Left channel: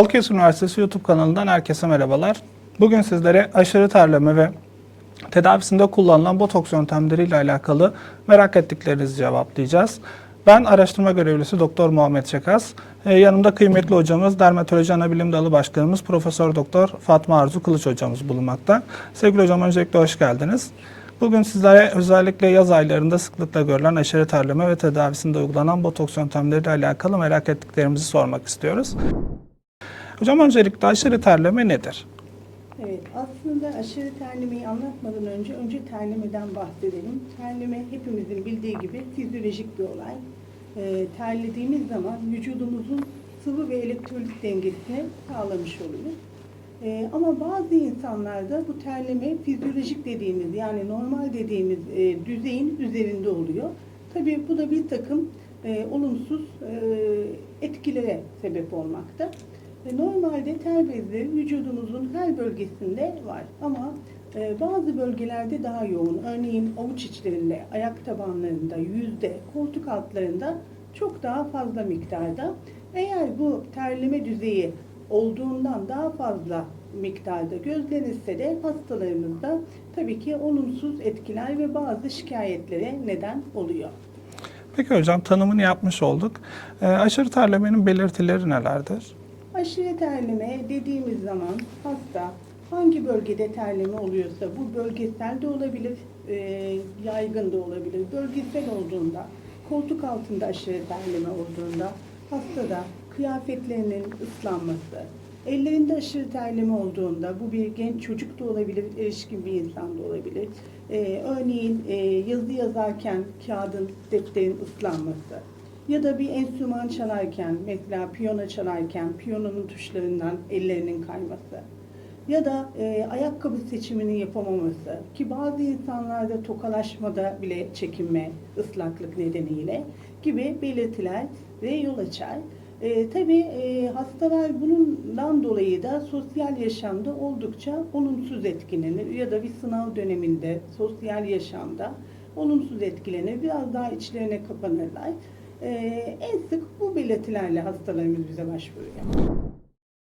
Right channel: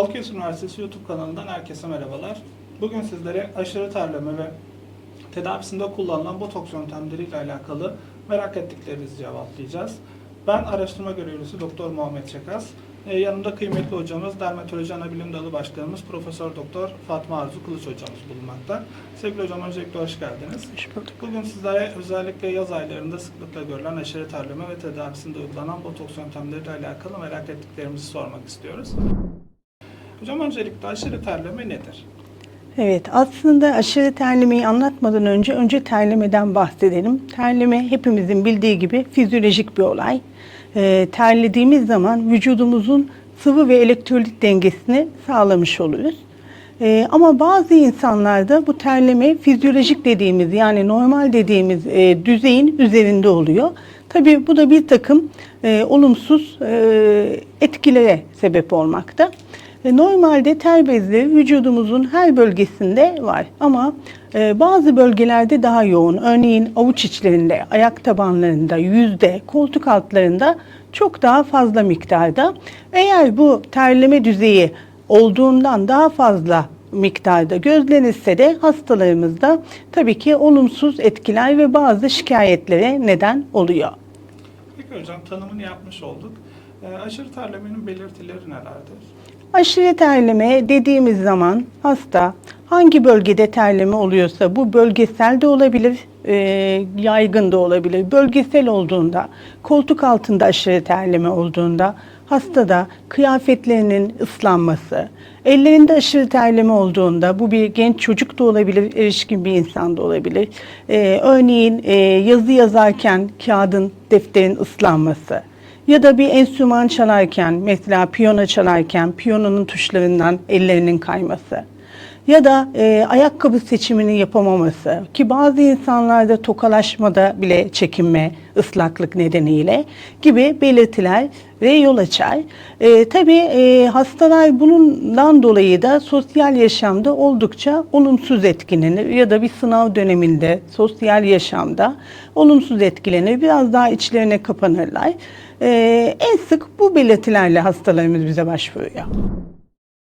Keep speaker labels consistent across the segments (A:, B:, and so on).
A: Akes Üniversitesi YouTube kanalından herkese merhabalar. Bugün sizlere aşırı terleme ve tedavisinde kullanılan botoks yöntemleriyle alakalı merak ettiklerinizi cevaplayacağız. Ben araştırma görevlisi Doktor Muhammed Çekas. Ee, yanımda kıymetli hocamız Dermatoloji Anabilim Dalı Başkanımız Profesör Doktor Fatma Arzu Kılıç hocamız bulunmakta. Sevgili hocam öncelikle hoş geldiniz. Bugün sizlere özellikle yaz aylarında sıklıkla görülen aşırı terleme ve tedavisinde uygulanan botoks yöntemleriyle alakalı merak ettiklerimizi sormak istiyoruz. Hocam öncelikle aşırı terleme nedir?
B: Evet, aslında aşırı terlemeyi anlatmadan önce önce terlemeden bahsedelim. Terleme hepimizin bildiği gibi fizyolojik bir olay. Ee, terlediğimiz zaman vücudumuzun sıvı ve elektrolit dengesini sağlamış oluruz. Ee, ama bazı insanlarda bu terleme fizyolojik dediğimiz yani normal dediğimiz e, düzeyin üzerinde oluyor. Tabii bu da bir takım e, olumsuz e, etkilere sebep olmakta. E, Normalde ter bezleri vücudumuzun her bölgesinde var ama e, bazı bölgelerde daha yoğun. Örneğin avuç içlerinde, ayak tabanlarında, yüzde, koltuk altlarında çok daha fazla miktarda. Eğer bu terleme düzeyi olduğundan daha fazla miktarda gözlenirse de hastalarımızda tabii ki olumsuz etkiler ve bazı şikayetlere neden oluyor.
A: Peki hocam tanımını yapmış olduk. Ee, aşırı terlemenin belirtileri nelerdir?
B: Aşırı terleme dediğimiz zaman hasta hangi bölgede terleme oluyorsa bu bölgesel de olabilir, e, yaygın da olabilir. Bölgesel olduğunda, koltuk altında aşırı terleme olduğunda hastada kıyafetlerinin ıslanması, ellerinde aşırı terleme olduğunda bu bir genç çocuk da olabilir, erişkin bir insan da olabilir. E, örneğin e, yazı yazarken kağıdın, defterin ıslanması, ya da bir enstrüman çalarken, mesela piyano çalarken piyanonun tuşlarından ellerinin kayması. Ya da e, ayakkabı seçimini yapamaması ki bazı insanlarda tokalaşmada bile çekinme, ıslaklık nedeniyle gibi belirtiler ve yol açar. E, tabii e, hastalar bundan dolayı da sosyal yaşamda oldukça olumsuz etkilenir ya da bir sınav döneminde sosyal yaşamda olumsuz etkilenir. Biraz daha içlerine kapanırlar. Ee, en sık bu belirtilerle hastalarımız bize başvuruyor.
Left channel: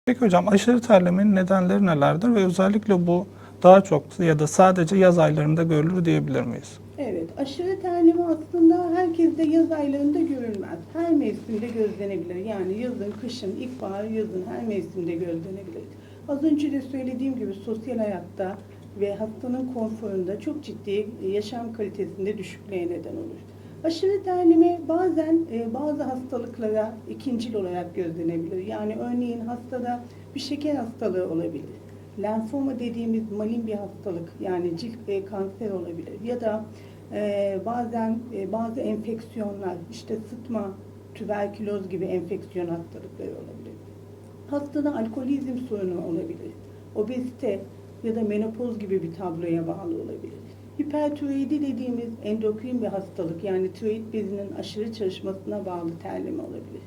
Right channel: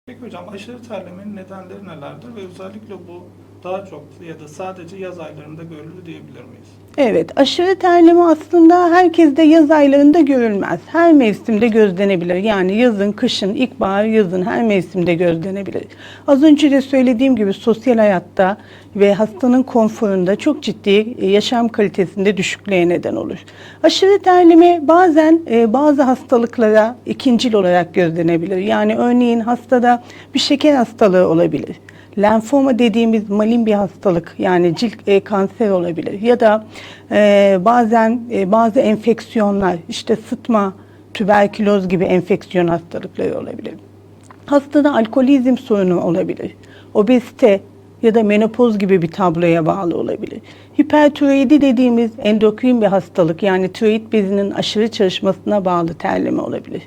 A: Peki hocam aşırı terlemenin nedenleri nelerdir? Ve özellikle bu daha çok ya da sadece yaz aylarında görülür diyebilir miyiz?
B: Evet, aşırı terleme aslında herkeste yaz aylarında görülmez. Her mevsimde gözlenebilir. Yani yazın, kışın, ilkbahar, yazın her mevsimde gözlenebilir. Az önce de söylediğim gibi sosyal hayatta ve hastanın konforunda çok ciddi e, yaşam kalitesinde düşüklüğe neden olur. Aşırı terleme bazen e, bazı hastalıklara ikincil olarak gözlenebilir. Yani örneğin hastada bir şeker hastalığı olabilir. Lenfoma dediğimiz malin bir hastalık yani cilt e, kanser olabilir ya da e, bazen e, bazı enfeksiyonlar işte sıtma, tüberküloz gibi enfeksiyon hastalıkları olabilir. Hastada alkolizm sorunu olabilir. Obezite ya da menopoz gibi bir tabloya bağlı olabilir. Hipertiroidi dediğimiz endokrin bir hastalık yani tiroid bezinin aşırı çalışmasına bağlı terleme olabilir.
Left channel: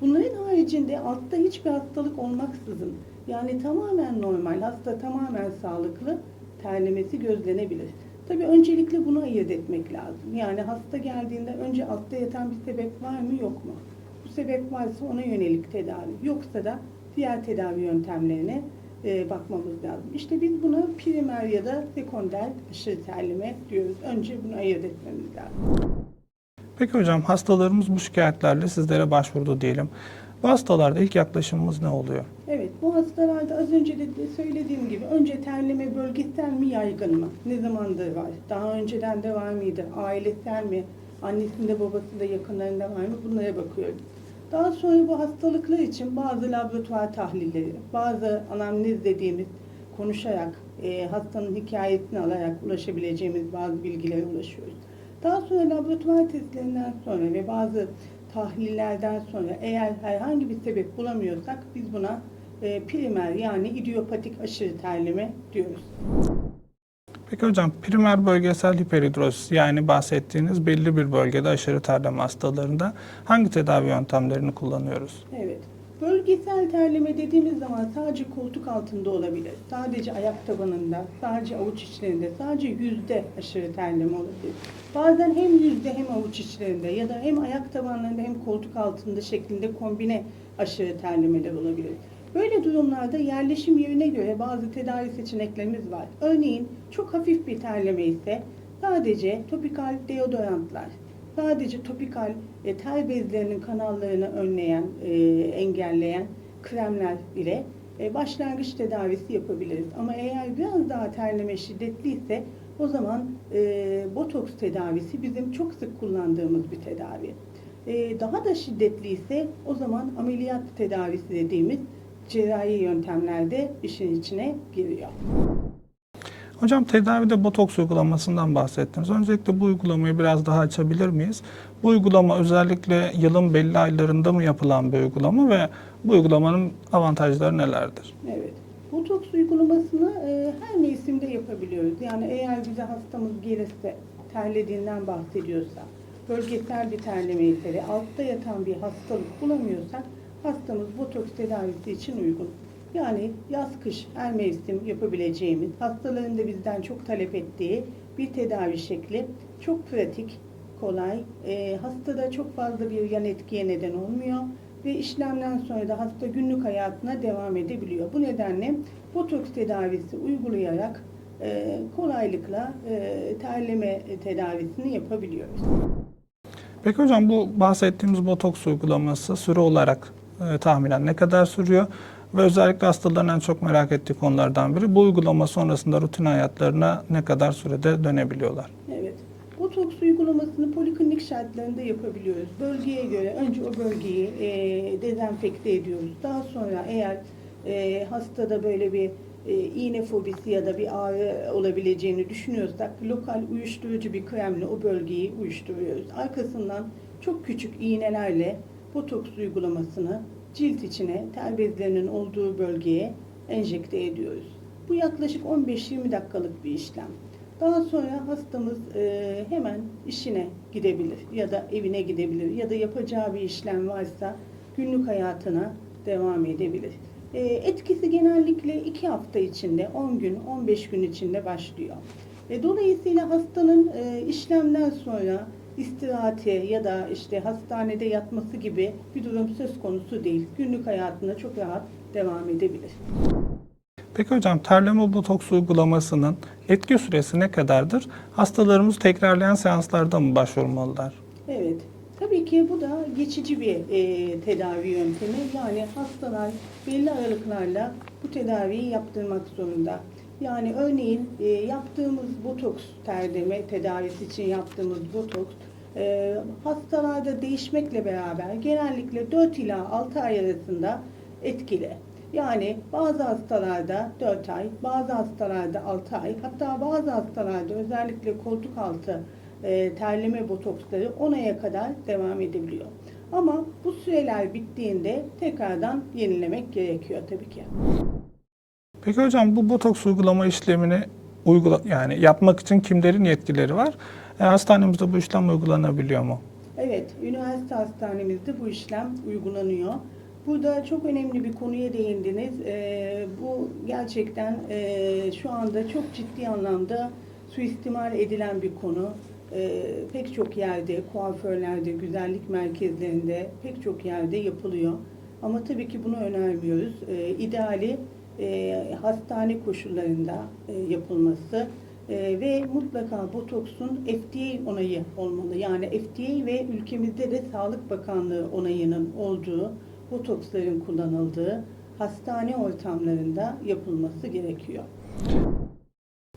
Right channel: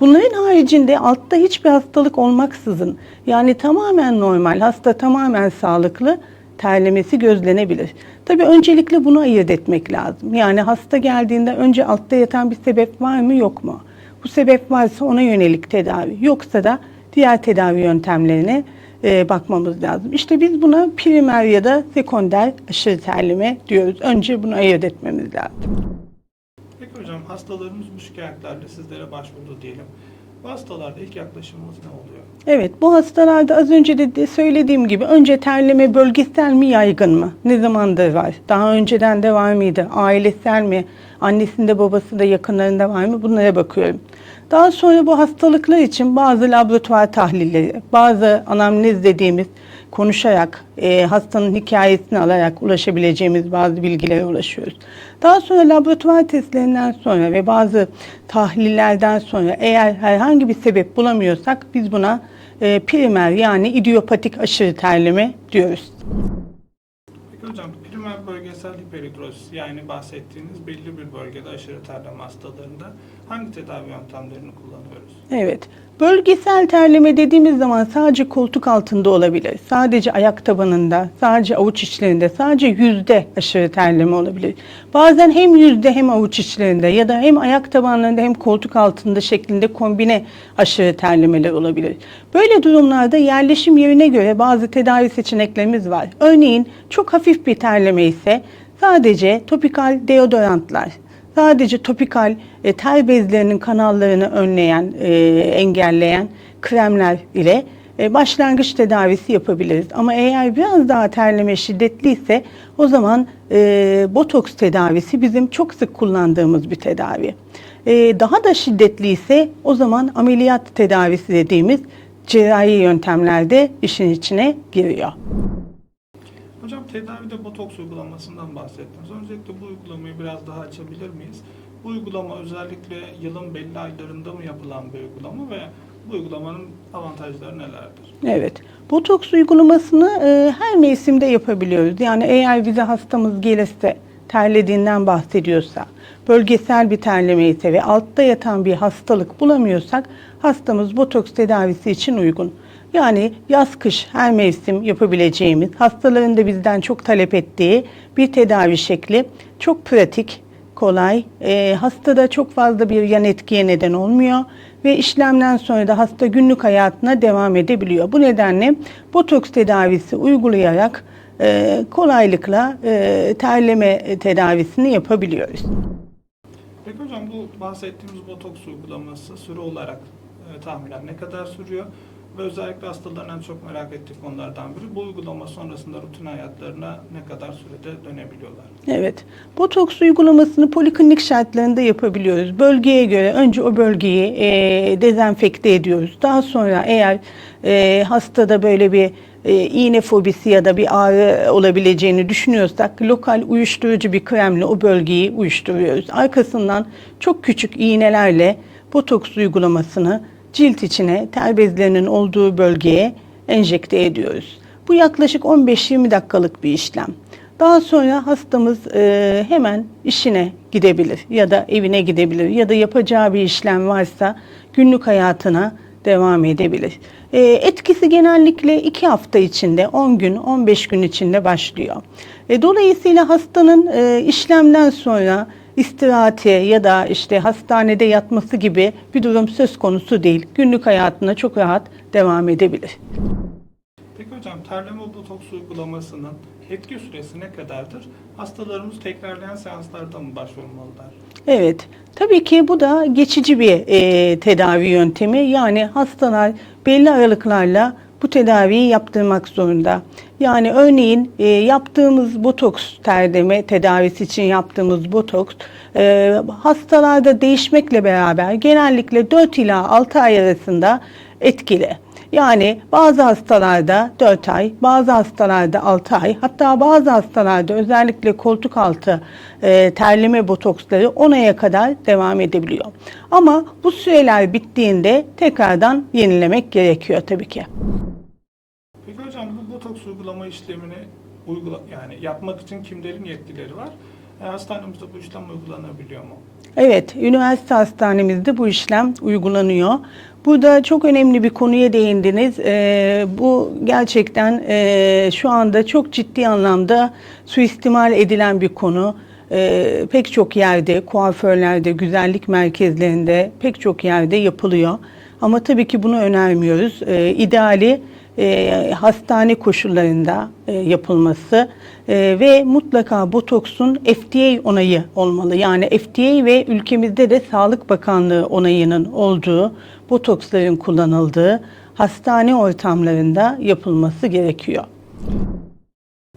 B: Bunların haricinde altta hiçbir hastalık olmaksızın yani tamamen normal, hasta tamamen sağlıklı terlemesi gözlenebilir. Tabii öncelikle bunu ayırt etmek lazım. Yani hasta geldiğinde önce altta yatan bir sebep var mı yok mu? Bu sebep varsa ona yönelik tedavi, yoksa da diğer tedavi yöntemlerine e, bakmamız lazım. İşte biz buna primer ya da sekonder aşırı terleme diyoruz. Önce bunu ayırt etmemiz lazım.
A: Peki hocam hastalarımız bu şikayetlerle sizlere başvurdu diyelim. Bu hastalarda ilk yaklaşımımız ne oluyor?
B: Evet, bu hastalarda az önce de söylediğim gibi önce terleme bölgesel mi yaygın mı? Ne zamandır var? Daha önceden de var mıydı? Ailesel mi? Annesinde babasında yakınlarında var mı? Bunlara bakıyorum. Daha sonra bu hastalıklar için bazı laboratuvar tahlilleri, bazı anamnez dediğimiz konuşarak, e, hastanın hikayesini alarak ulaşabileceğimiz bazı bilgilere ulaşıyoruz. Daha sonra laboratuvar testlerinden sonra ve bazı tahlillerden sonra eğer herhangi bir sebep bulamıyorsak biz buna e, primer yani idiopatik aşırı terleme diyoruz.
A: Peki hocam primer bölgesel hiperhidrosis yani bahsettiğiniz belli bir bölgede aşırı terleme hastalarında hangi tedavi yöntemlerini kullanıyoruz?
B: Evet. Bölgesel terleme dediğimiz zaman sadece koltuk altında olabilir. Sadece ayak tabanında, sadece avuç içlerinde, sadece yüzde aşırı terleme olabilir. Bazen hem yüzde hem avuç içlerinde ya da hem ayak tabanlarında hem koltuk altında şeklinde kombine aşırı terlemeler olabilir. Böyle durumlarda yerleşim yerine göre bazı tedavi seçeneklerimiz var. Örneğin çok hafif bir terleme ise sadece topikal deodorantlar, sadece topikal e, ter bezlerinin kanallarını önleyen, e, engelleyen kremler ile e, başlangıç tedavisi yapabiliriz. Ama eğer biraz daha terleme şiddetliyse o zaman e, botoks tedavisi bizim çok sık kullandığımız bir tedavi. E, daha da şiddetliyse o zaman ameliyat tedavisi dediğimiz cerrahi yöntemlerde işin içine giriyor.
A: Hocam tedavide botoks uygulamasından bahsettiniz. Öncelikle bu uygulamayı biraz daha açabilir miyiz? Bu uygulama özellikle yılın belli aylarında mı yapılan bir uygulama ve bu uygulamanın avantajları nelerdir?
B: Evet. Botoks uygulamasını e, her mevsimde yapabiliyoruz. Yani eğer bize hastamız gelirse, terlediğinden bahsediyorsa, bölgesel bir terleme ise ve altta yatan bir hastalık bulamıyorsak hastamız botoks tedavisi için uygun. Yani yaz kış her mevsim yapabileceğimiz, hastaların da bizden çok talep ettiği bir tedavi şekli. Çok pratik, kolay, e, hastada çok fazla bir yan etkiye neden olmuyor ve işlemden sonra da hasta günlük hayatına devam edebiliyor. Bu nedenle botoks tedavisi uygulayarak e, kolaylıkla e, terleme tedavisini yapabiliyoruz.
A: Peki hocam bu bahsettiğimiz botoks uygulaması süre olarak e, tahminen ne kadar sürüyor? Ve özellikle hastaların en çok merak ettiği konulardan biri bu uygulama sonrasında rutin hayatlarına ne kadar sürede dönebiliyorlar?
B: Evet. Botoks uygulamasını poliklinik şartlarında yapabiliyoruz. Bölgeye göre önce o bölgeyi e, dezenfekte ediyoruz. Daha sonra eğer e, hastada böyle bir e, iğne fobisi ya da bir ağrı olabileceğini düşünüyorsak lokal uyuşturucu bir kremle o bölgeyi uyuşturuyoruz. Arkasından çok küçük iğnelerle botoks uygulamasını cilt içine ter bezlerinin olduğu bölgeye enjekte ediyoruz. Bu yaklaşık 15-20 dakikalık bir işlem. Daha sonra hastamız e, hemen işine gidebilir ya da evine gidebilir ya da yapacağı bir işlem varsa günlük hayatına devam edebilir. E, etkisi genellikle 2 hafta içinde, 10 gün, 15 gün içinde başlıyor. E, dolayısıyla hastanın e, işlemden sonra istirahate ya da işte hastanede yatması gibi bir durum söz konusu değil. Günlük hayatına çok rahat devam edebilir.
A: Peki hocam terleme botoks uygulamasının etki süresi ne kadardır? Hastalarımız tekrarlayan seanslarda mı başvurmalılar?
B: Evet, tabii ki bu da geçici bir e, tedavi yöntemi. Yani hastalar belli aralıklarla bu tedaviyi yaptırmak zorunda. Yani örneğin e, yaptığımız botoks terdeme tedavisi için yaptığımız botoks e, hastalarda değişmekle beraber genellikle 4 ila 6 ay arasında etkili. Yani bazı hastalarda 4 ay, bazı hastalarda 6 ay, hatta bazı hastalarda özellikle koltuk altı e, terleme botoksları 10 aya kadar devam edebiliyor. Ama bu süreler bittiğinde tekrardan yenilemek gerekiyor tabii ki.
A: Peki hocam bu botoks uygulama işlemini uygula yani yapmak için kimlerin yetkileri var? E, hastanemizde bu işlem uygulanabiliyor mu?
B: Evet, üniversite hastanemizde bu işlem uygulanıyor. Burada çok önemli bir konuya değindiniz. Ee, bu gerçekten e, şu anda çok ciddi anlamda suistimal edilen bir konu. Ee, pek çok yerde, kuaförlerde, güzellik merkezlerinde pek çok yerde yapılıyor. Ama tabii ki bunu önermiyoruz. Ee, ideali e, hastane koşullarında e, yapılması e, ve mutlaka botoksun FDA onayı olmalı. Yani FDA ve ülkemizde de Sağlık Bakanlığı onayının olduğu botoksların kullanıldığı hastane ortamlarında yapılması gerekiyor.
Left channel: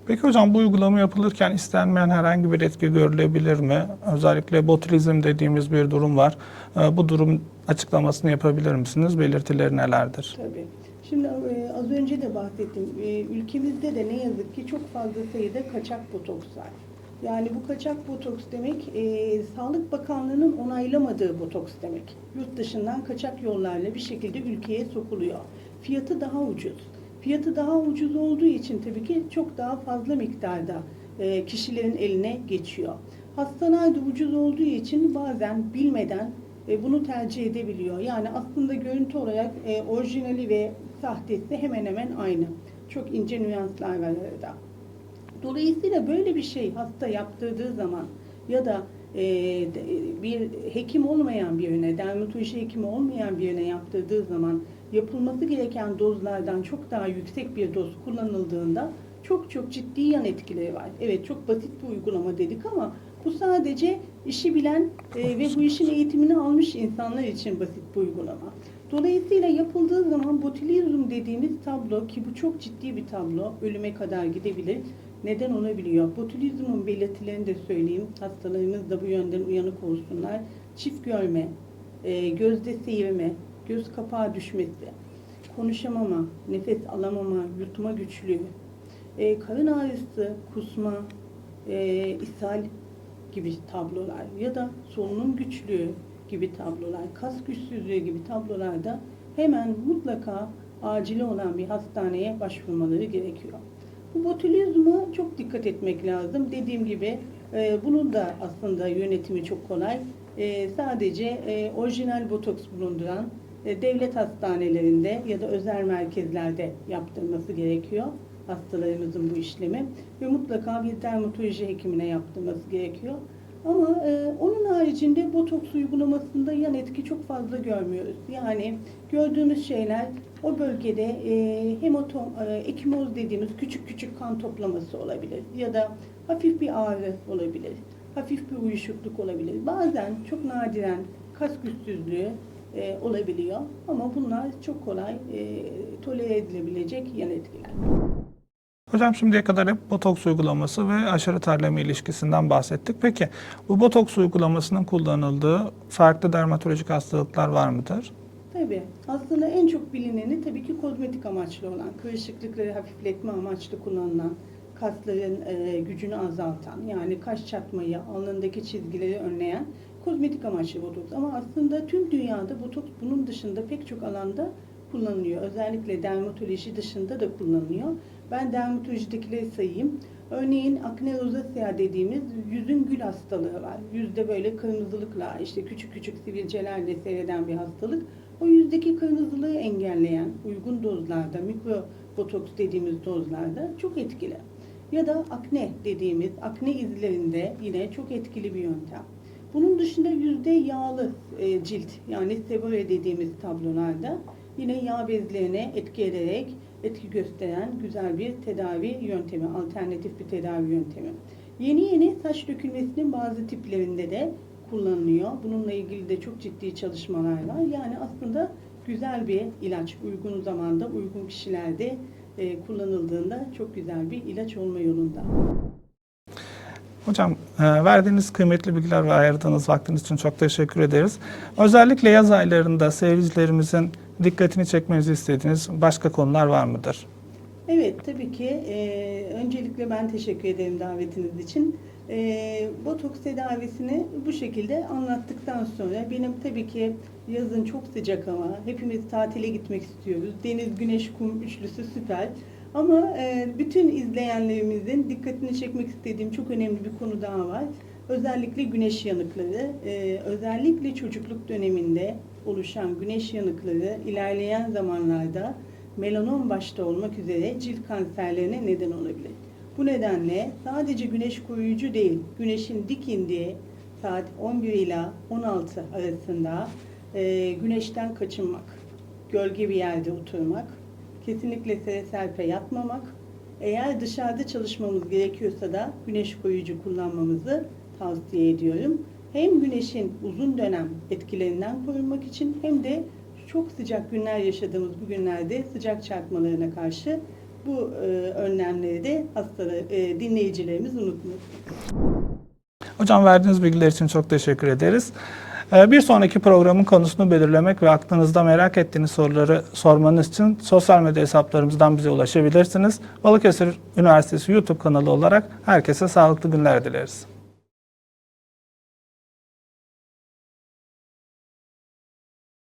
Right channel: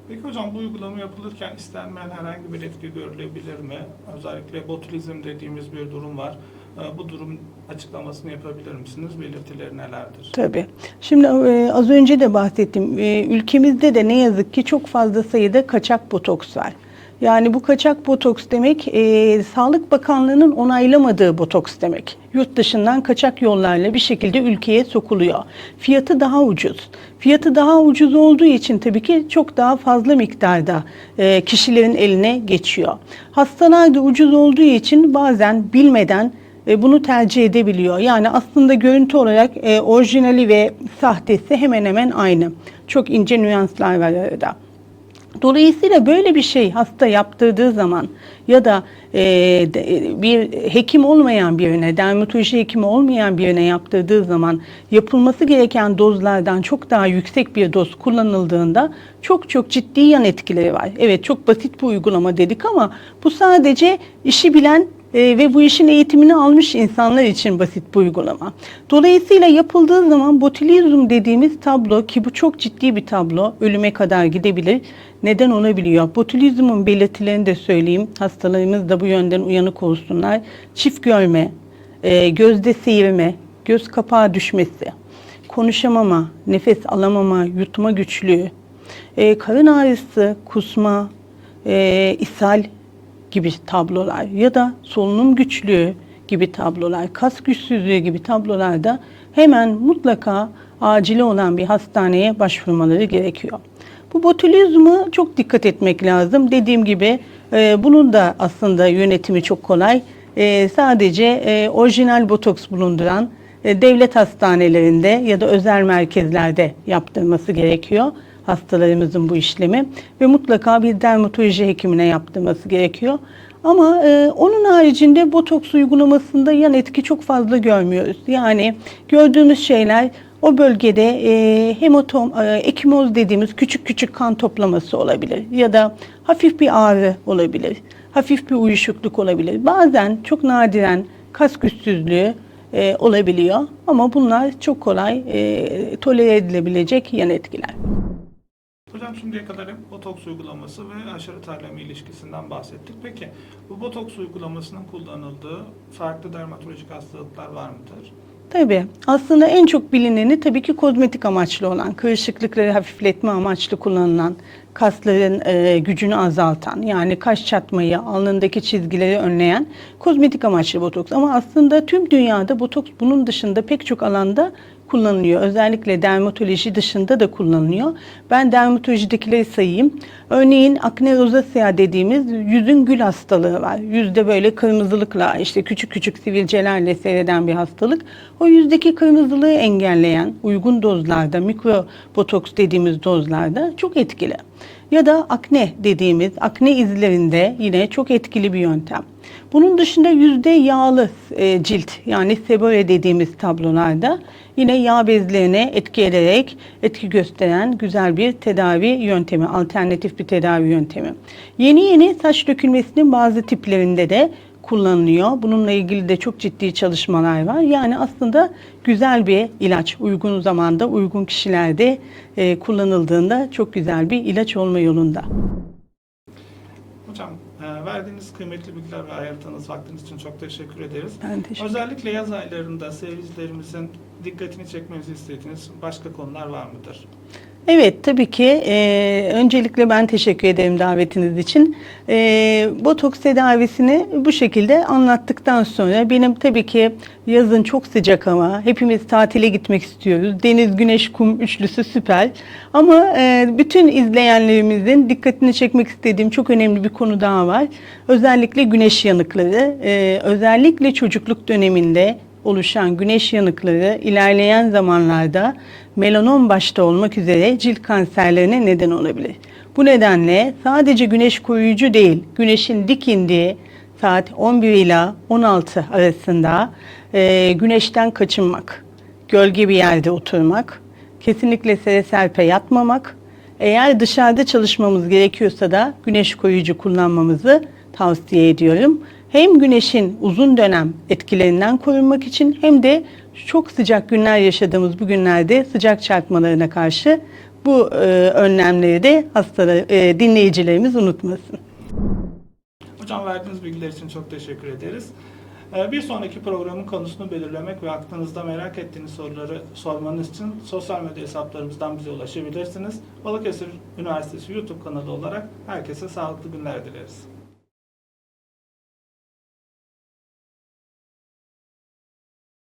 A: Peki hocam bu uygulama yapılırken istenmeyen herhangi bir etki görülebilir mi? Özellikle botulizm dediğimiz bir durum var. E, bu durum açıklamasını yapabilir misiniz? Belirtileri nelerdir?
B: Tabii. Şimdi e, az önce de bahsettim. E, ülkemizde de ne yazık ki çok fazla sayıda kaçak botoks var. Yani bu kaçak botoks demek e, Sağlık Bakanlığı'nın onaylamadığı botoks demek. Yurt dışından kaçak yollarla bir şekilde ülkeye sokuluyor. Fiyatı daha ucuz. Fiyatı daha ucuz olduğu için tabii ki çok daha fazla miktarda e, kişilerin eline geçiyor. Hastalar da ucuz olduğu için bazen bilmeden e, bunu tercih edebiliyor. Yani aslında görüntü olarak e, orijinali ve sahtesi hemen hemen aynı. Çok ince nüanslar var arada. Dolayısıyla böyle bir şey hasta yaptırdığı zaman ya da e, bir hekim olmayan birine, dermatoloji hekimi olmayan birine yaptırdığı zaman yapılması gereken dozlardan çok daha yüksek bir doz kullanıldığında çok çok ciddi yan etkileri var. Evet çok basit bir uygulama dedik ama bu sadece işi bilen e, ve bu işin eğitimini almış insanlar için basit bir uygulama. Dolayısıyla yapıldığı zaman botulizm dediğimiz tablo ki bu çok ciddi bir tablo, ölüme kadar gidebilir. Neden olabiliyor? Botulizmin belirtilerini de söyleyeyim. Hastalarımız da bu yönden uyanık olsunlar. Çift görme, e, gözde seyirme, göz kapağı düşmesi, konuşamama, nefes alamama, yutma güçlüğü, e, karın ağrısı, kusma, e, ishal gibi tablolar ya da solunum güçlüğü gibi tablolar, kas güçsüzlüğü gibi tablolarda hemen mutlaka acili olan bir hastaneye başvurmaları gerekiyor. Bu botulizma çok dikkat etmek lazım. Dediğim gibi e, bunun da aslında yönetimi çok kolay. E, sadece e, orijinal botoks bulunduran e, devlet hastanelerinde ya da özel merkezlerde yaptırması gerekiyor hastalarımızın bu işlemi ve mutlaka bir dermatoloji hekimine yaptırması gerekiyor. Ama e, onun haricinde botoks uygulamasında yan etki çok fazla görmüyoruz. Yani gördüğümüz şeyler o bölgede e, hematom, e, ekimoz dediğimiz küçük küçük kan toplaması olabilir ya da hafif bir ağrı olabilir, hafif bir uyuşukluk olabilir. Bazen çok nadiren kas güçsüzlüğü e, olabiliyor ama bunlar çok kolay e, tolere edilebilecek yan etkiler.
A: Hocam şimdiye kadar hep botoks uygulaması ve aşırı terleme ilişkisinden bahsettik. Peki bu botoks uygulamasının kullanıldığı farklı dermatolojik hastalıklar var mıdır?
B: Tabii. Aslında en çok bilineni tabii ki kozmetik amaçlı olan, kırışıklıkları hafifletme amaçlı kullanılan, kasların e, gücünü azaltan, yani kaş çatmayı, alnındaki çizgileri önleyen kozmetik amaçlı botoks. Ama aslında tüm dünyada botoks bunun dışında pek çok alanda kullanılıyor. Özellikle dermatoloji dışında da kullanılıyor. Ben dermatolojidekileri sayayım. Örneğin akne rozasea dediğimiz yüzün gül hastalığı var. Yüzde böyle kırmızılıkla işte küçük küçük sivilcelerle seyreden bir hastalık. O yüzdeki kırmızılığı engelleyen uygun dozlarda mikro botoks dediğimiz dozlarda çok etkili. Ya da akne dediğimiz akne izlerinde yine çok etkili bir yöntem. Bunun dışında yüzde yağlı e, cilt yani sebore dediğimiz tablolarda yine yağ bezlerine etki ederek etki gösteren güzel bir tedavi yöntemi, alternatif bir tedavi yöntemi. Yeni yeni saç dökülmesinin bazı tiplerinde de kullanılıyor. Bununla ilgili de çok ciddi çalışmalar var. Yani aslında güzel bir ilaç, uygun zamanda, uygun kişilerde e, kullanıldığında çok güzel bir ilaç olma yolunda.
A: Hocam e, verdiğiniz kıymetli bilgiler ve ayırdığınız vaktiniz için çok teşekkür ederiz.
B: Teşekkür
A: Özellikle yaz aylarında seyircilerimizin dikkatini çekmenizi istediğiniz başka konular var mıdır?
B: Evet tabii ki. Ee, öncelikle ben teşekkür ederim davetiniz için. Ee, botoks tedavisini bu şekilde anlattıktan sonra benim tabii ki yazın çok sıcak ama hepimiz tatile gitmek istiyoruz. Deniz, güneş, kum üçlüsü süper. Ama e, bütün izleyenlerimizin dikkatini çekmek istediğim çok önemli bir konu daha var. Özellikle güneş yanıkları. Ee, özellikle çocukluk döneminde oluşan güneş yanıkları ilerleyen zamanlarda melanom başta olmak üzere cilt kanserlerine neden olabilir. Bu nedenle sadece güneş koruyucu değil, güneşin dik indiği saat 11 ila 16 arasında e, güneşten kaçınmak, gölge bir yerde oturmak, kesinlikle sere serpe yatmamak, eğer dışarıda çalışmamız gerekiyorsa da güneş koruyucu kullanmamızı tavsiye ediyorum. Hem güneşin uzun dönem etkilerinden korunmak için hem de çok sıcak günler yaşadığımız bu günlerde sıcak çarpmalarına karşı bu e, önlemleri de hastalar, e, dinleyicilerimiz unutmasın.
A: Hocam verdiğiniz bilgiler için çok teşekkür ederiz. E, Bir sonraki programın konusunu belirlemek ve aklınızda merak ettiğiniz soruları sormanız için sosyal medya hesaplarımızdan bize ulaşabilirsiniz. Balıkesir Üniversitesi YouTube kanalı olarak herkese sağlıklı günler dileriz.